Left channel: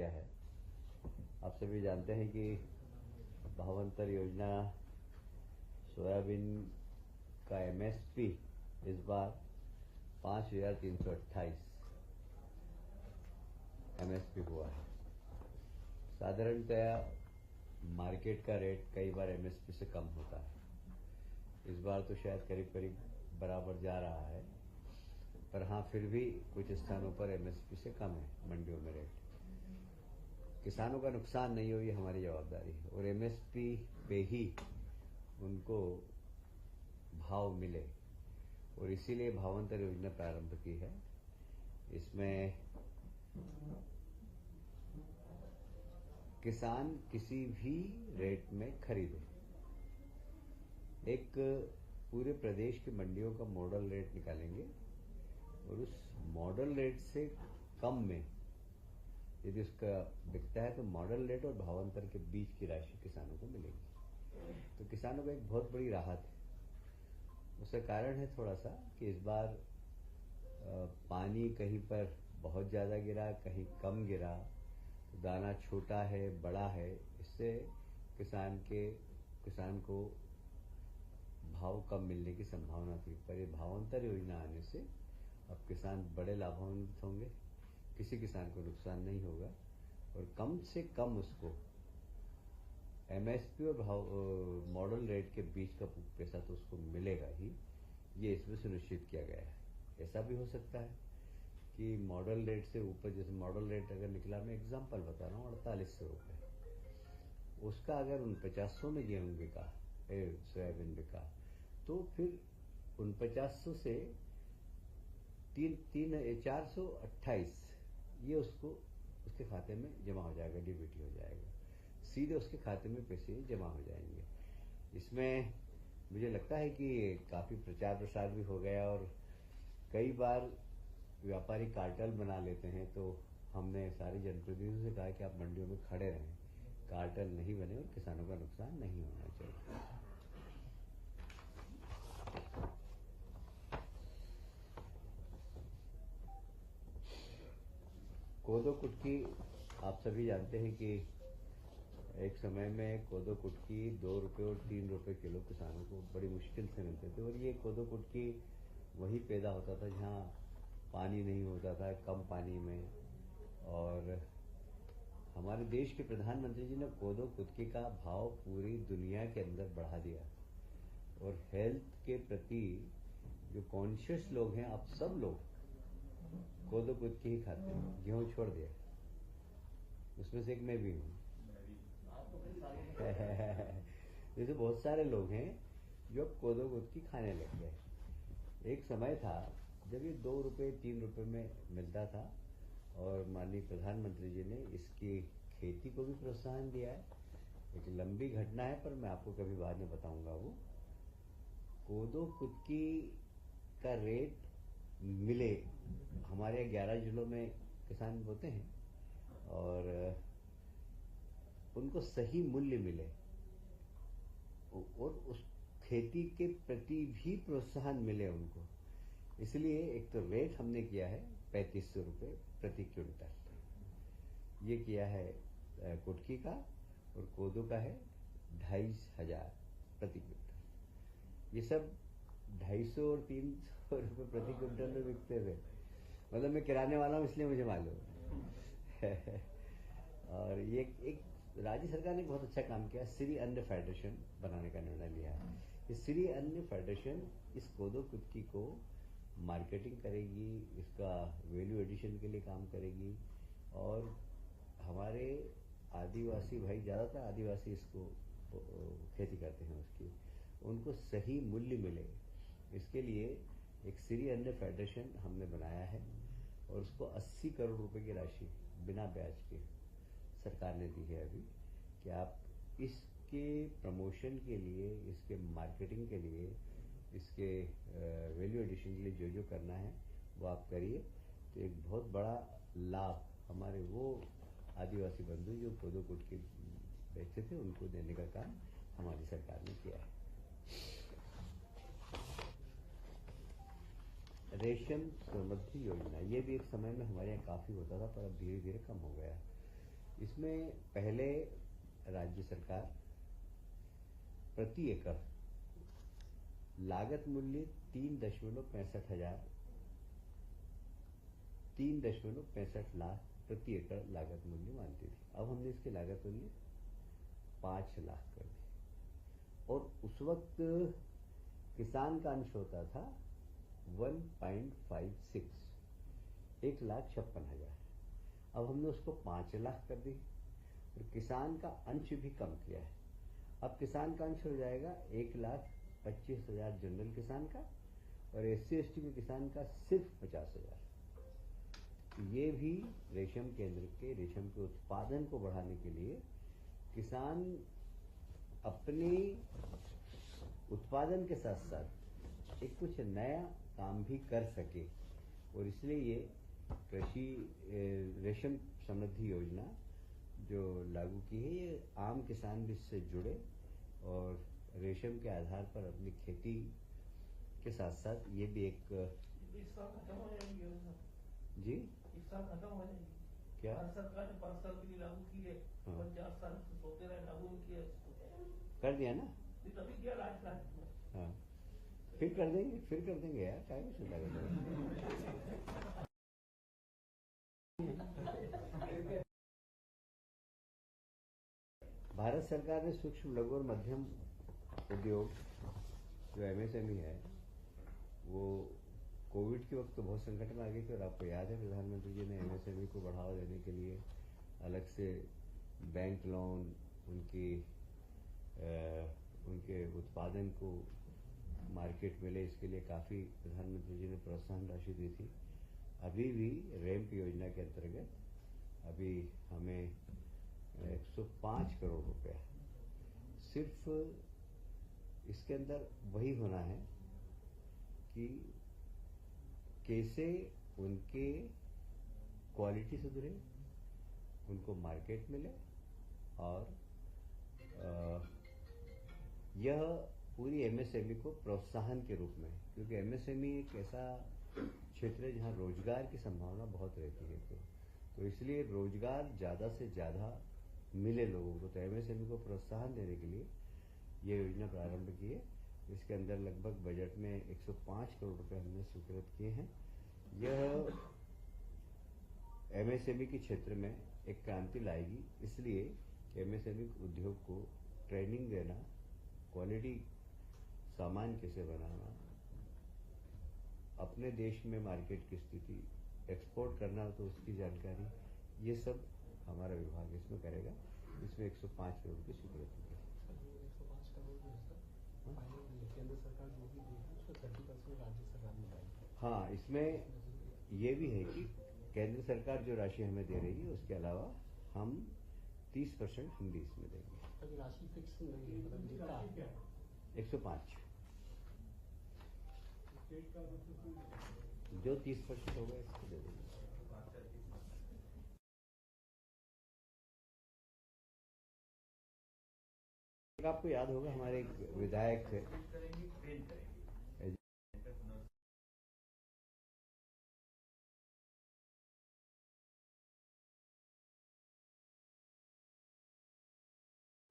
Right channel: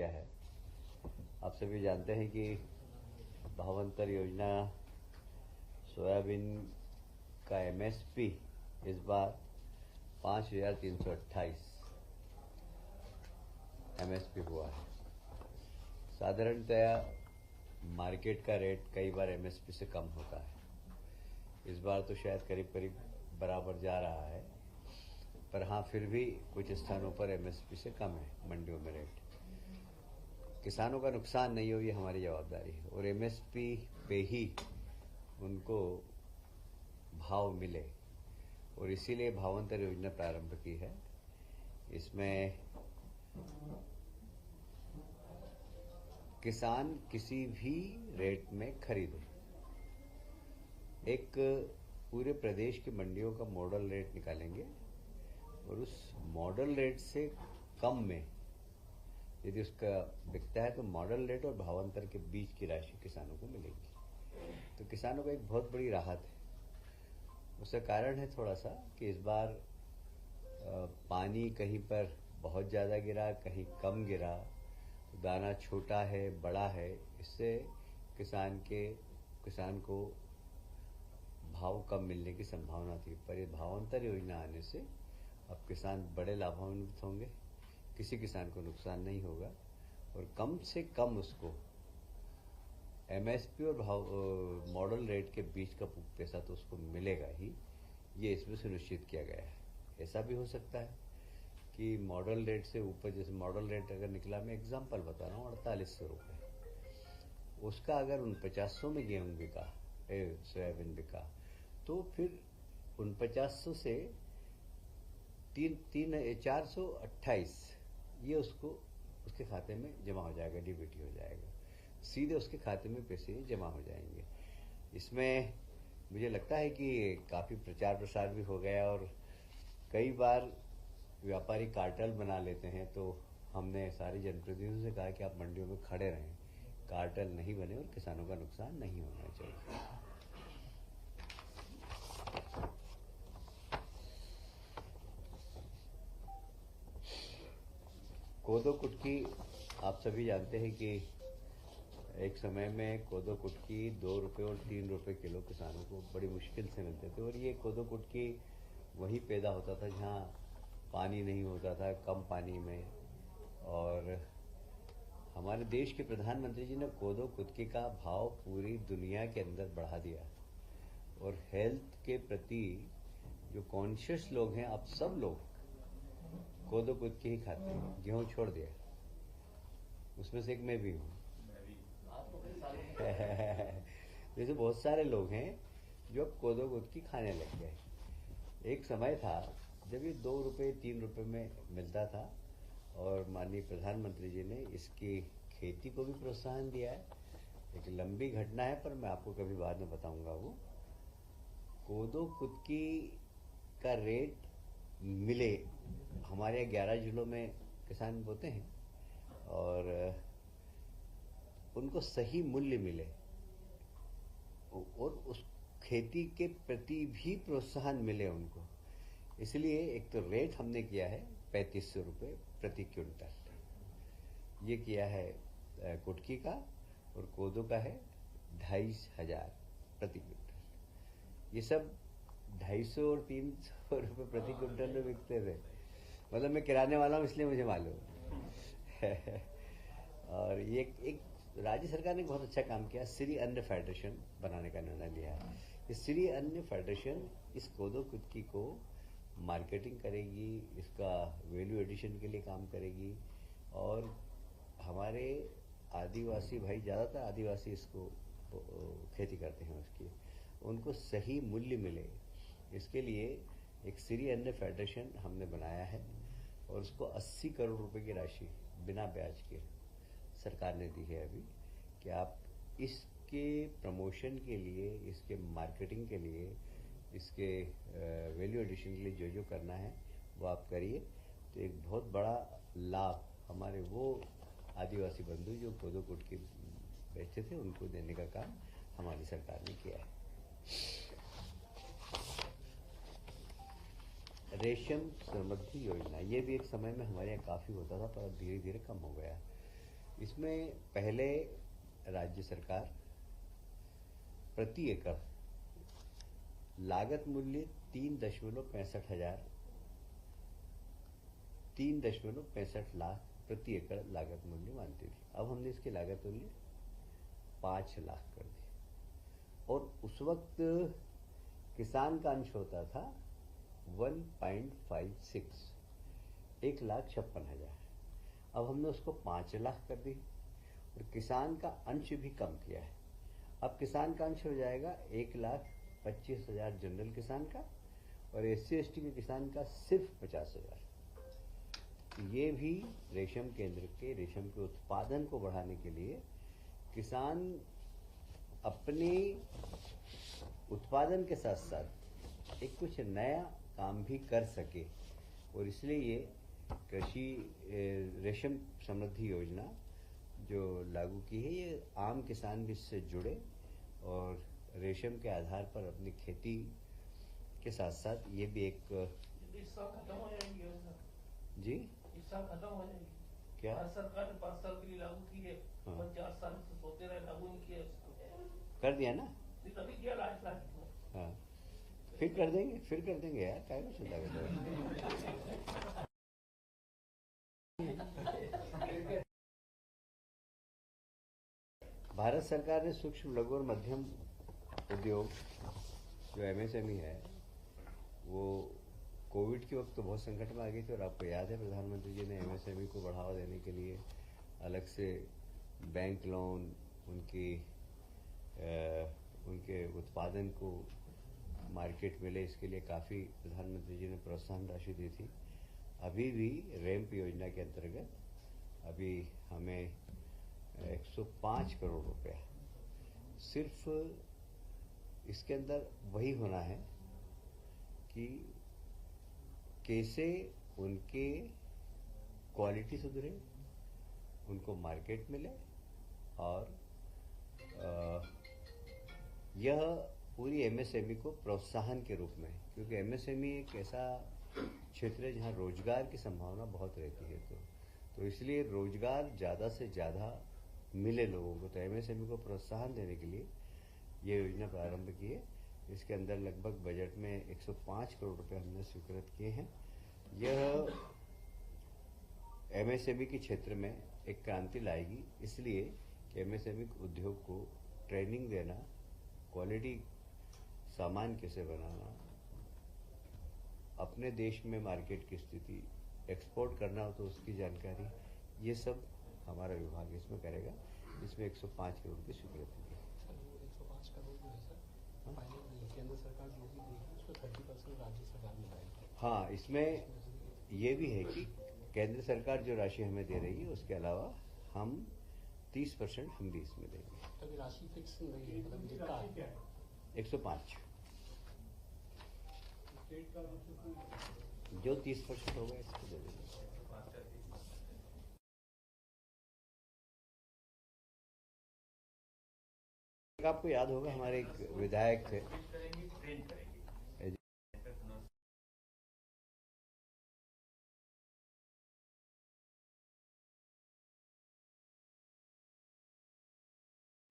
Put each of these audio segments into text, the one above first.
किया है। आप सभी जानते हैं कि भावांतर योजना सोयाबीन का एमएसपी इस बार 5,328 एमएसपी हुआ है। साधारणतया मार्केट का रेट कई बार एमएसपी से कम होता है। इस बार तो शायद करीब करीब बराबर जा रहा है, पर हाँ फिर भी कुछ स्थानों पर एमएसपी से कम है मंडियों में रेट। किसानों का नुकसान नहीं हो, ये हमारी जवाबदारी है और एमएसपी पे ही उनको भाव मिले, और इसीलिए भावांतर योजना प्रारंभ की है। इसमें किसान किसी भी रेट में खरीदे, एक पूरे प्रदेश की मंडियों का मॉडल रेट निकालेंगे और उस मॉडल रेट से कम में यदि उसका बिकता है तो मॉडल रेट और भावांतर के बीच की राशि किसानों को मिलेगी। तो किसानों को एक बहुत बड़ी राहत है। उसका कारण है थोड़ा सा कि इस बार पानी कहीं पर बहुत ज़्यादा गिरा, कहीं कम गिरा, दाना छोटा है बड़ा है, इससे किसान को भाव कम मिलने की संभावना थी। पर ये भावांतर योजना आने से अब किसान बड़े लाभान्वित होंगे, किसी किसान को नुकसान नहीं होगा और कम से कम उसको एमएसपी और मॉडल रेट के बीच का पैसा तो उसको मिलेगा ही, ये इसमें सुनिश्चित किया गया है। ऐसा भी हो सकता है कि मॉडल रेट से ऊपर, जैसे मॉडल रेट अगर निकला, मैं एग्जांपल बता रहा हूँ, 4800 रुपये, उसका अगर 4900 में गेहूं बिका, सोयाबीन बिका, तो फिर 4900 से 428 ये उसके खाते में जमा हो जाएगा, डीबीटी हो जाएगा, सीधे उसके खाते में पैसे जमा हो जाएंगे। इसमें मुझे लगता है कि काफ़ी प्रचार प्रसार भी हो गया और कई बार व्यापारी कार्टेल बना लेते हैं, तो हमने सारे जनप्रतिनिधियों से कहा कि आप मंडियों में खड़े रहें, कार्टेल नहीं बने और किसानों का नुकसान नहीं होना चाहिए। कोदो कुटकी आप सभी जानते हैं कि एक समय में कोदो कुटकी 2 रुपये और 3 रुपये किलो किसानों को बड़ी मुश्किल से मिलते थे, और ये कोदो कुटकी वहीं पैदा होता था जहाँ पानी नहीं होता था, कम पानी में। और हमारे देश के प्रधानमंत्री जी ने कोदो कुटकी का भाव पूरी दुनिया के अंदर बढ़ा दिया, और हेल्थ के प्रति जो कॉन्शियस लोग हैं, आप सब लोग कोदो कुटकी ही खाते हैं, गेहूं छोड़ दिया, उसमें से एक मैं भी हूँ। जैसे बहुत सारे लोग हैं जो कोदो कुटकी खाने लग गए। एक समय था जब ये 2 रुपये 3 रुपये में मिलता था, और माननीय प्रधानमंत्री जी ने इसकी खेती को भी प्रोत्साहन दिया है। एक लंबी घटना है, पर मैं आपको कभी बाद में बताऊंगा। वो कोदो कुटकी का रेट मिले, हमारे 11 जिलों में किसान बोते हैं और उनको सही मूल्य मिले और उस खेती के प्रति भी प्रोत्साहन मिले उनको, इसलिए एक तो रेट हमने किया है 3500 रुपये प्रति क्विंटल, ये किया है कुटकी का, और कोदो का है 2500 प्रति क्विंटल। ये सब 250 और 300 रुपये प्रति क्विंटल में बिकते थे, मतलब मैं किराने वाला हूँ इसलिए मुझे मालूम है। और ये एक राज्य सरकार ने बहुत अच्छा काम किया, श्री अन्न फेडरेशन बनाने का निर्णय लिया है। इस श्री अन्न फेडरेशन इस कोदो कुटकी को मार्केटिंग करेगी, इसका वैल्यू एडिशन के लिए काम करेगी, और हमारे आदिवासी भाई, ज़्यादातर आदिवासी इसको खेती करते हैं, उसकी उनको सही मूल्य मिले, इसके लिए एक श्री अन्न फेडरेशन हमने बनाया है, और उसको 80 करोड़ रुपए की राशि बिना ब्याज के सरकार ने दी है अभी, कि आप इसके प्रमोशन के लिए, इसके मार्केटिंग के लिए, इसके वैल्यू एडिशन के लिए जो करना है वो आप करिए। तो एक बहुत बड़ा लाभ हमारे वो आदिवासी बंधु जो कोदो कुटकी बेचते थे, उनको देने का काम हमारी सरकार ने किया है। रेशम समृद्धि योजना, ये भी एक समय में हमारे यहाँ काफ़ी होता था, पर धीरे धीरे कम हो गया। इसमें पहले राज्य सरकार प्रति एकड़ लागत मूल्य 3.65 लाख प्रति एकड़ लागत मूल्य मानती थी। अब हमने इसकी लागत मूल्य 5 लाख कर दी। और उस वक्त किसान का अंश होता था 1.56, 1,56,000। अब हमने उसको 5 लाख कर दी और किसान का अंश भी कम किया है। अब किसान का अंश हो जाएगा 1,25,000 जनरल किसान का और SC/ST के किसान का सिर्फ 50,000। ये भी रेशम केंद्र के रेशम के उत्पादन को बढ़ाने के लिए किसान अपने उत्पादन के साथ साथ एक कुछ नया काम भी कर सके, और इसलिए ये कृषि रेशम समृद्धि योजना जो लागू की है, ये आम किसान भी इससे जुड़े और रेशम के आधार पर अपनी खेती के साथ साथ ये भी एक जी इस साल खत्म हो जाएगी क्या सरकार ने 5 साल के लिए लागू की है। हाँ। 4 साल से सोते रहे, लागू नहीं किया कर दिया ना। कभी किया राजस्थान। हाँ, फिर कर देंगे यार, क्या में चिंता करते हैं। भारत सरकार ने सूक्ष्म लघु और मध्यम उद्योग जो MSME है वो कोविड के वक्त तो बहुत संकट में आ गई थी, और आपको याद है प्रधानमंत्री जी ने MSME को बढ़ावा देने के लिए अलग से बैंक लोन, उनके उत्पादन को मार्केट मिले, इसके लिए काफ़ी प्रधानमंत्री जी ने प्रोत्साहन राशि दी थी। अभी भी रैंप योजना के अंतर्गत अभी हमें 105 करोड़ रुपया सिर्फ इसके अंदर वही होना है कि कैसे उनके क्वालिटी सुधरे, उनको मार्केट मिले, और यह पूरी MSME को प्रोत्साहन के रूप में, क्योंकि MSME एक ऐसा क्षेत्र है जहाँ रोजगार की संभावना बहुत रहती है, तो इसलिए रोजगार ज़्यादा से ज़्यादा मिले लोगों को, तो MSME को प्रोत्साहन देने के लिए ये योजना प्रारंभ की है। इसके अंदर लगभग बजट में 105 करोड़ रुपए हमने स्वीकृत किए हैं। यह MSME के क्षेत्र में एक क्रांति लाएगी, इसलिए कि MSME उद्योग को ट्रेनिंग देना, क्वालिटी सामान कैसे बनाना, अपने देश में मार्केट की स्थिति, एक्सपोर्ट करना हो तो उसकी जानकारी, ये सब हमारा विभाग इसमें करेगा। इसमें 105 करोड़ की स्वीकृति है। 105 करोड़ जो है सर, केंद्र सरकार जो भी देगी उसमें 30% राज्य सरकार मिलाएगी। हाँ, इसमें ये भी है कि केंद्र सरकार जो राशि हमें दे रही है उसके अलावा हम 30% हम भी इसमें देंगे। अभी राशि फिक्स नहीं है, मतलब जितना है 105 जो 30% होगा इसको दे देंगे। आपको याद होगा हमारे एक विधायक थे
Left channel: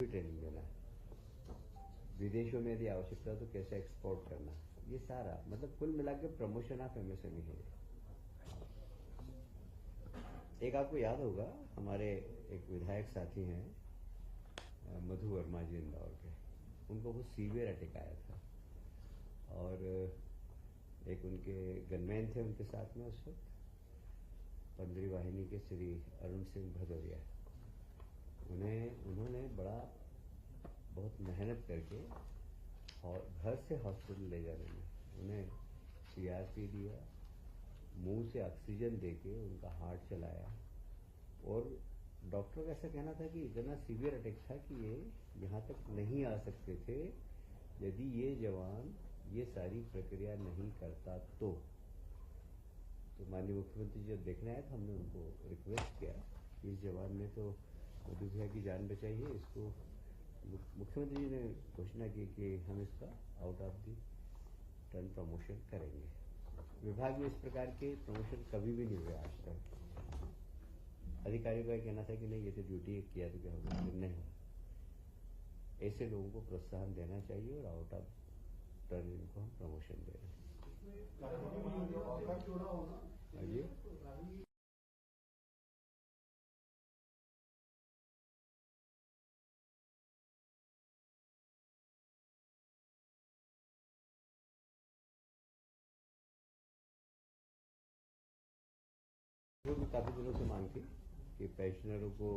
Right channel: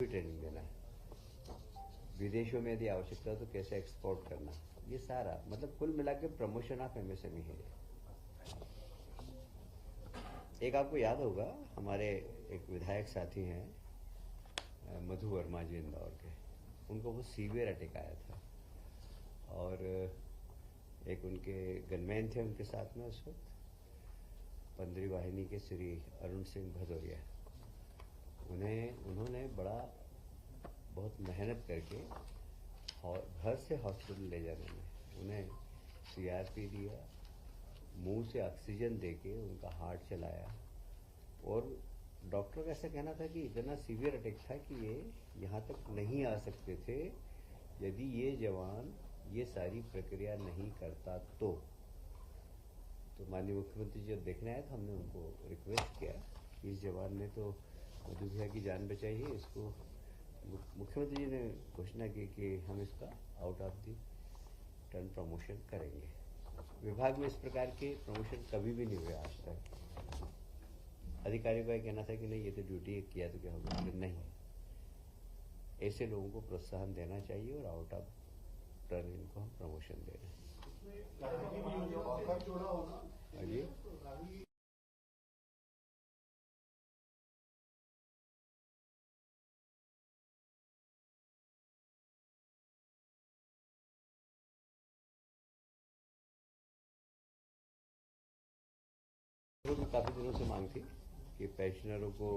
ट्रेनिंग देना, विदेशों में यदि आवश्यकता है तो कैसे एक्सपोर्ट करना, ये सारा मतलब कुल मिला के प्रमोशन ऑफ MSME है। एक आपको याद होगा हमारे एक विधायक साथी हैं मधु वर्मा जी इंदौर के, उनको वो सीवियर अटैक आया था, और एक उनके गनमैन थे उनके साथ में उस वक्त, 15वीं वाहिनी के श्री अरुण सिंह भदौरिया। उन्होंने बहुत मेहनत करके घर से हॉस्पिटल ले जाने में उन्हें CRP दिया, मुंह से ऑक्सीजन देके उनका हार्ट चलाया, और डॉक्टर का ऐसा कहना था कि इतना सीवियर अटैक था कि ये यहाँ तक नहीं आ सकते थे यदि ये जवान ये सारी प्रक्रिया नहीं करता तो माननीय मुख्यमंत्री जब देखने आए तो हमने उनको रिक्वेस्ट किया कि इस जवान ने तो मधु भैया की जान बचाई है, उसको मुख्यमंत्री जी ने घोषणा की कि हम इसका out of the turn promotion करेंगे। विभाग में इस प्रकार के प्रमोशन कभी भी नहीं हुए आज तक। अधिकारियों का ये कहना था कि नहीं ये तो ड्यूटी किया तो क्या होगा, लेकिन नहीं, ऐसे लोगों को प्रोत्साहन देना चाहिए और आउट ऑफ टर्न इनको हम प्रमोशन दे रहे हैं। आगे तो काफ़ी दिनों से मांग थी कि पेंशनरों को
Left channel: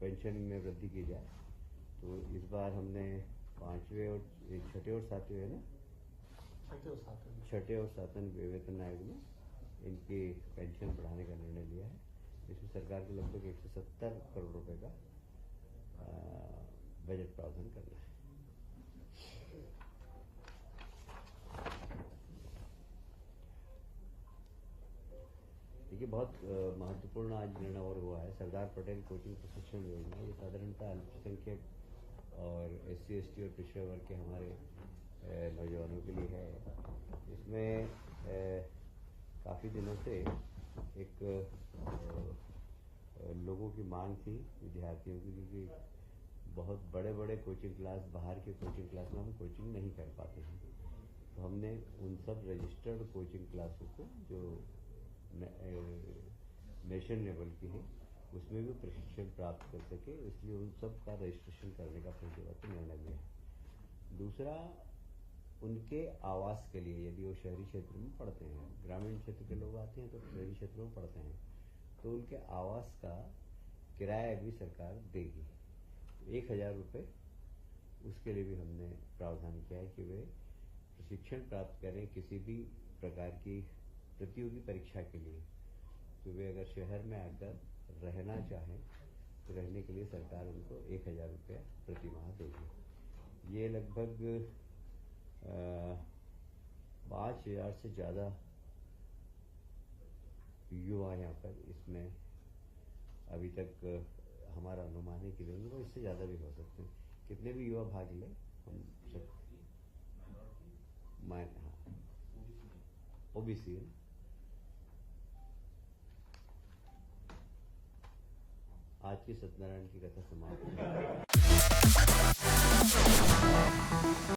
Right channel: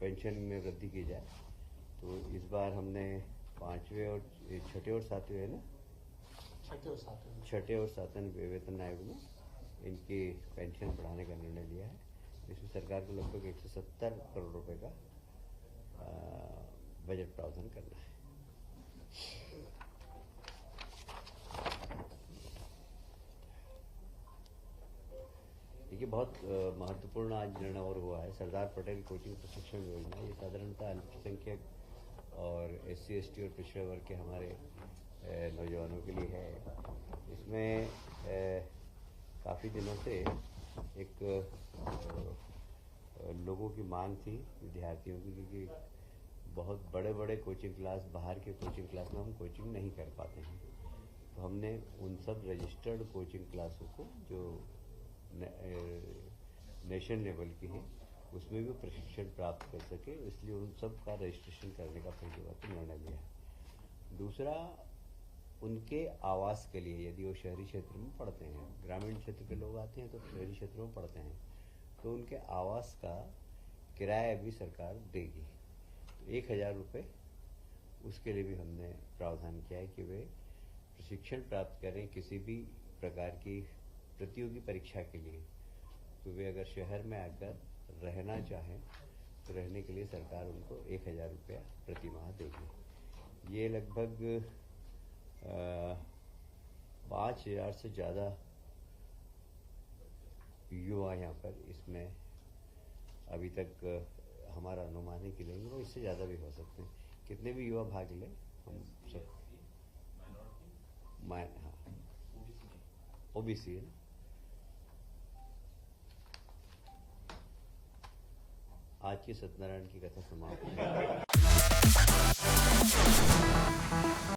पेंशन में वृद्धि की जाए, तो इस बार हमने 5वें और 6ठे और 7वें है ना, छठे और सातवें वेतन आयोग में इनकी पेंशन बढ़ाने का निर्णय लिया है। इसमें सरकार को लगभग 170 करोड़ रुपए का बजट प्रावधान करना है। देखिए बहुत महत्वपूर्ण आज निर्णय और हुआ है। सरदार पटेल कोचिंग प्रशिक्षण योजना, ये साधारणतः अल्पसंख्यक और SC/ST और पिछड़े वर्ग के हमारे नौजवानों के लिए है। इसमें काफ़ी दिनों से एक लोगों की मांग थी विद्यार्थियों की, क्योंकि बहुत बड़े बड़े कोचिंग क्लास, बाहर के कोचिंग क्लास में हम कोचिंग नहीं कर पाते हैं, तो हमने उन सब रजिस्टर्ड कोचिंग क्लासों को जो नेशनल लेवल की हैं उसमें भी प्रशिक्षण प्राप्त कर सके, इसलिए उन सब का रजिस्ट्रेशन करने का पहली बार तो निर्णय लिया। दूसरा, उनके आवास के लिए, यदि वो शहरी क्षेत्र में पढ़ते हैं, ग्रामीण क्षेत्र के लोग आते हैं तो शहरी क्षेत्रों में पढ़ते हैं, तो उनके आवास का किराया भी सरकार देगी। तो 1000 रुपये उसके लिए भी हमने प्रावधान किया है कि वे प्रशिक्षण प्राप्त करें किसी भी प्रकार की प्रतियोगी परीक्षा के लिए, तो वे अगर शहर में आकर रहना चाहें तो रहने के लिए सरकार उनको 1000 रुपया प्रति माह देगी। ये लगभग 5000 से ज़्यादा युवा यहाँ पर इसमें अभी तक हमारा अनुमान है कि लेंगे, और इससे ज़्यादा भी हो सकते हैं। कितने भी युवा भाग लें, हम सब हाँ OBC है। आज की सत्यनारायण की कथा समाप्त।